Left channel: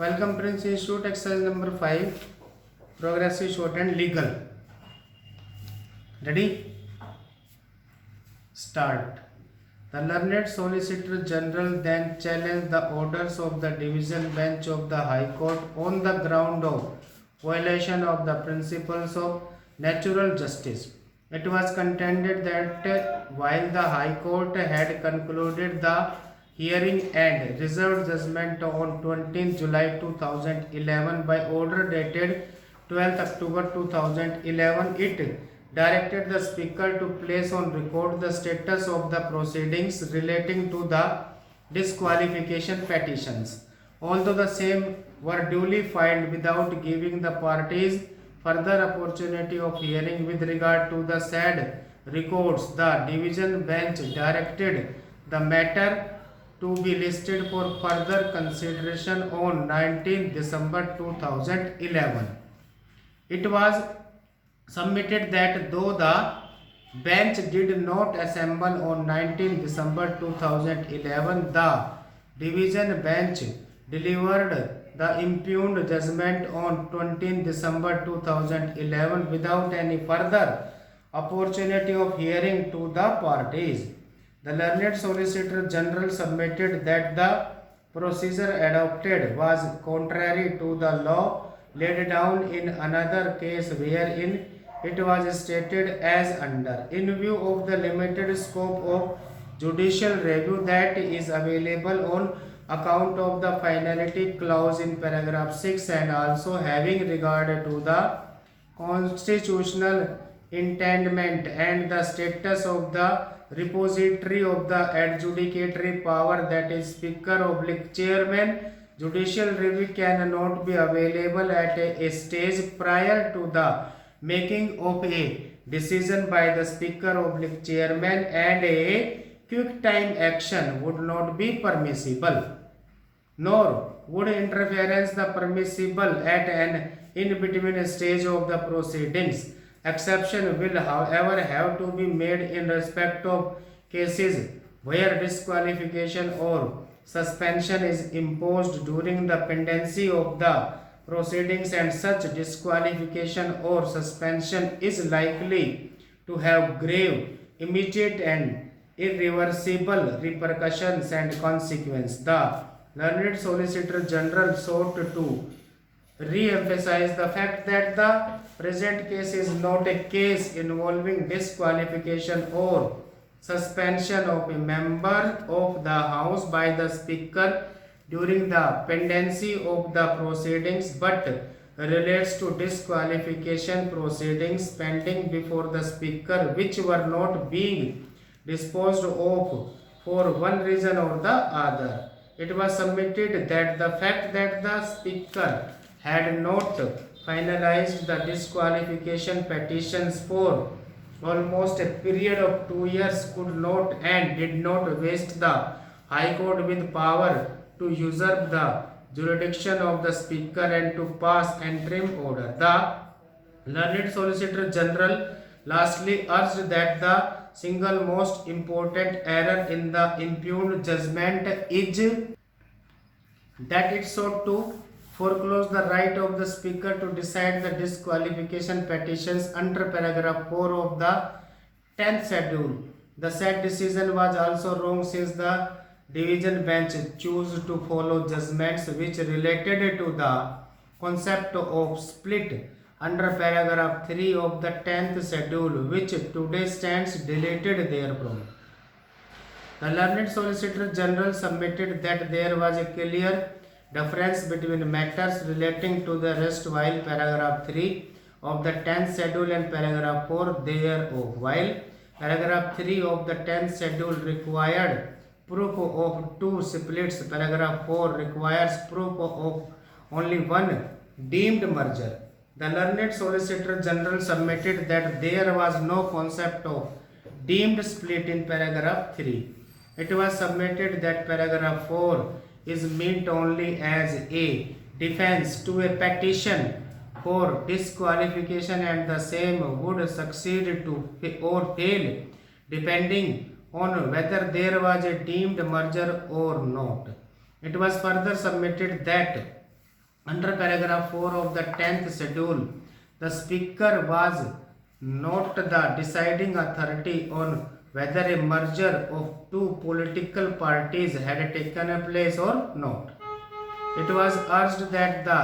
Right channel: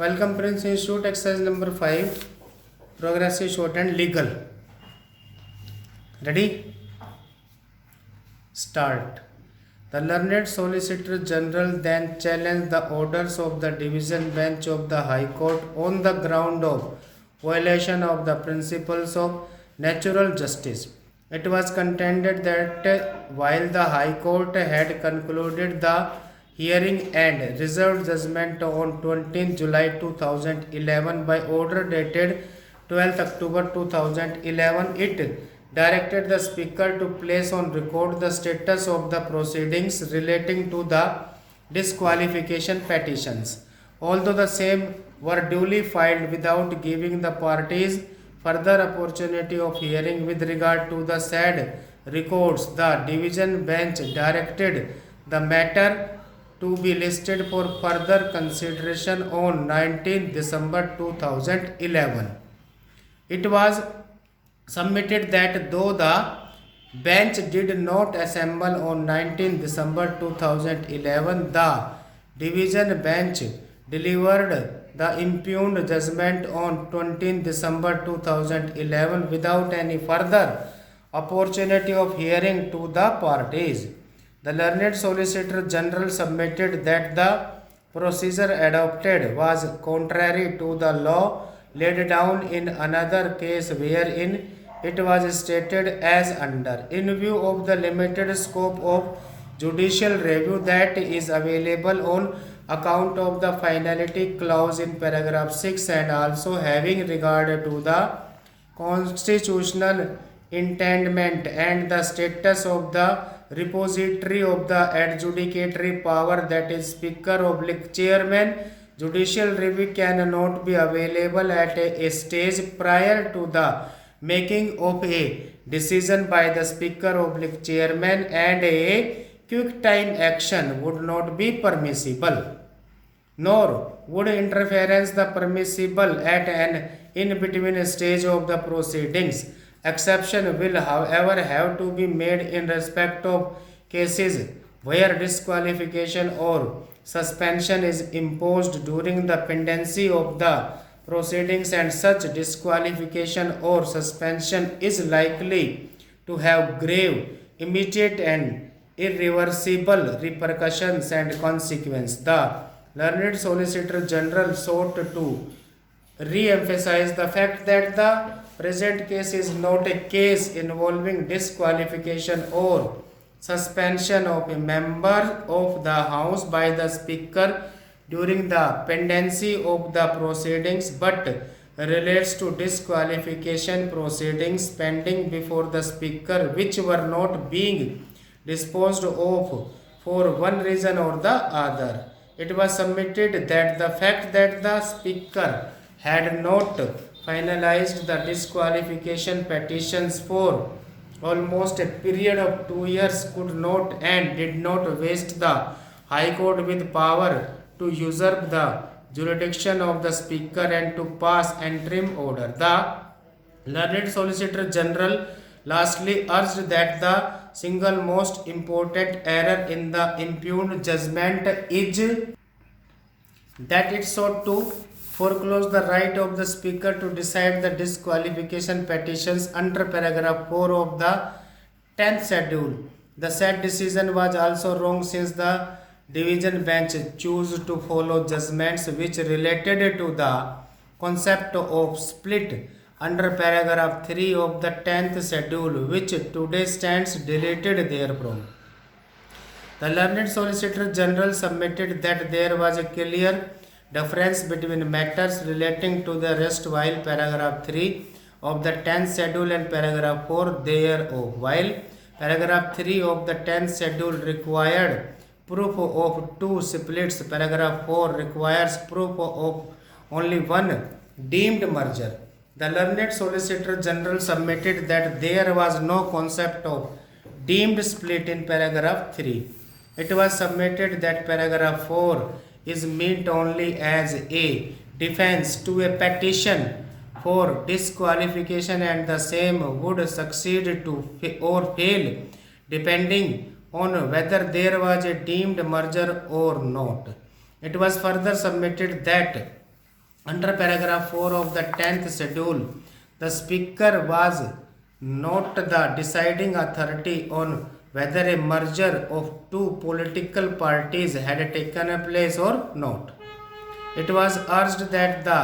Welcome Prince Institute exercise number 5 progressive short and legal. Ready? Start. The learned Solicitor General then challenged the orders of the division bench of the High Court on the ground of violation of the principles of natural justice. It was contended that while the High Court had concluded the hearing and reserved judgment on 20 July 2011 by order dated 12 October 2011, it directed the Speaker to place on record the status of the proceedings relating to the disqualification petitions. Although the same were duly filed without giving the parties further opportunity of hearing with regard to the said records, the division bench directed the matter to be listed for further consideration on 19 December 2011. It was submitted that though the bench did not assemble on 19 December 2011, the division bench delivered the impugned judgment on 20 December 2011 without any further opportunity of hearing to the parties. The learned Solicitor General submitted that the procedure adopted was contrary to the law laid down in another case wherein it was stated as under, in view of the limited scope of judicial review that is available on account of the finality clause in paragraph 6 and also having regard to the constitutional intendment and the status of the repository of the adjudicatory power, that is Speaker / Chairman, judicial review cannot be available at a stage prior to the making of a decision by the Speaker / Chairman, and a quick time action would not be permissible, nor would interference the permissible at an in-between stage of the proceedings. Exception will, however, have to be made in respect of cases where disqualification or suspension is imposed during the pendency of the proceedings, and such disqualification or suspension is likely to have grave, immediate, and irreversible repercussions and consequences. The learned Solicitor General sought to re-emphasize the fact that the present case is not a case involving disqualification or suspension of a member of the House by the Speaker during the pendency of the proceedings, but relates to disqualification proceedings pending before the Speaker which were not being disposed of for one reason or the other. It was submitted that the fact that the Speaker had not finalized the disqualification petitions for almost a period of 2 years could not and did not waste the High Court with power to usurp the jurisdiction of the Speaker and to pass interim order. The learned Solicitor General lastly urged that the single most important error in the impugned judgment is that it sought to foreclose the right of the Speaker to decide the disqualification petitions under paragraph 4 of the 10th schedule. The said decision was also wrong since the division bench chose to follow judgments which related to the concept of split under paragraph 3 of the 10th schedule, which today stands deleted therefrom. The learned Solicitor General submitted that there was a clear difference between matters relating to the rest while paragraph 3 of the 10th schedule and paragraph 4 thereof. While paragraph 3 of the 10th schedule required proof of two splits, paragraph 4 requires proof of only one deemed merger. The learned Solicitor General submitted that there was no concept of deemed split in paragraph 3. It was submitted that paragraph 4 is meant only as a defense to a petition for disqualification, and the same would succeed to or fail depending on whether there was a deemed merger or not. It was further submitted that Under paragraph 4 of the 10th schedule, the Speaker was not the deciding authority on whether a merger of two political parties had taken place or not. It was urged that the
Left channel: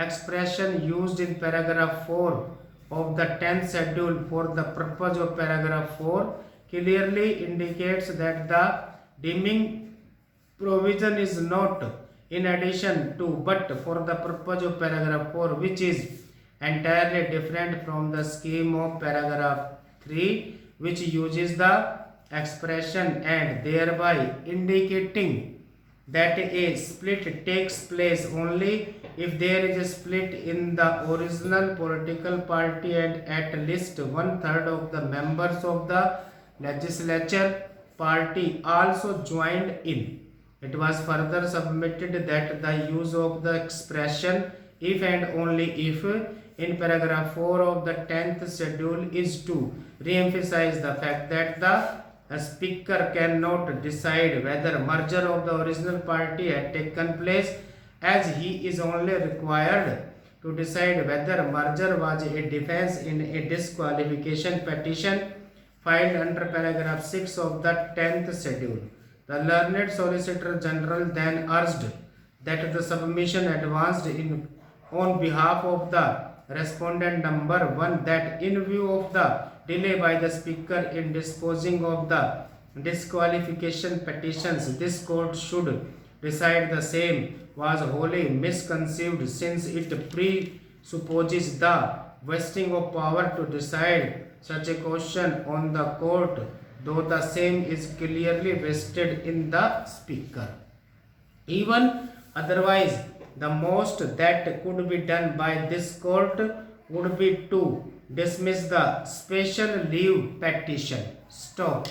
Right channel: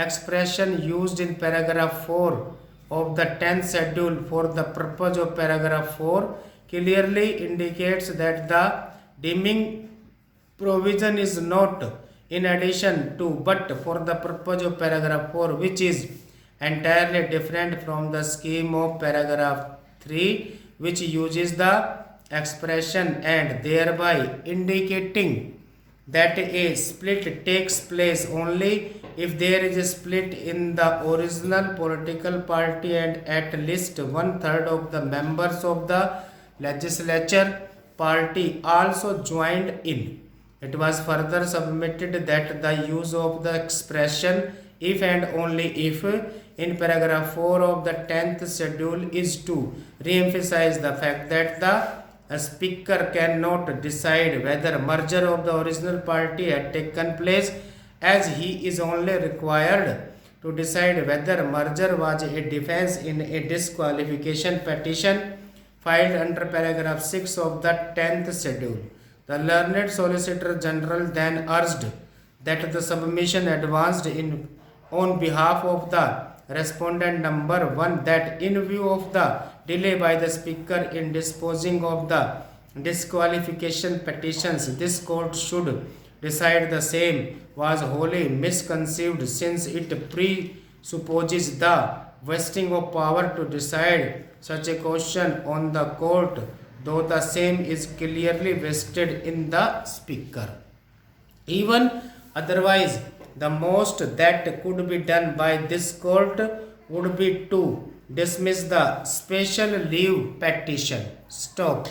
expression used in paragraph 4 of the 10th schedule for the purpose of paragraph 4 clearly indicates that the deeming provision is not in addition to but for the purpose of paragraph 4, which is entirely different from the scheme of paragraph 3, which uses the expression and thereby indicating that a split takes place only if there is a split in the original political party and at least one third of the members of the legislature party also joined in. It was further submitted that the use of the expression if and only if in paragraph 4 of the 10th schedule is to re-emphasize the fact that the speaker cannot decide whether merger of the original party had taken place, as he is only required to decide whether merger was a defense in a disqualification petition filed under paragraph 6 of the 10th schedule. The learned Solicitor General then urged that the submission advanced on behalf of the respondent number 1 that in view of the delay by the Speaker in disposing of the disqualification petitions, this court should decide the same was wholly misconceived, since it presupposes the vesting of power to decide such a question on the court, though the same is clearly vested in the Speaker. Even otherwise, the most that could be done by this court would be to dismiss the special leave petition. Stop.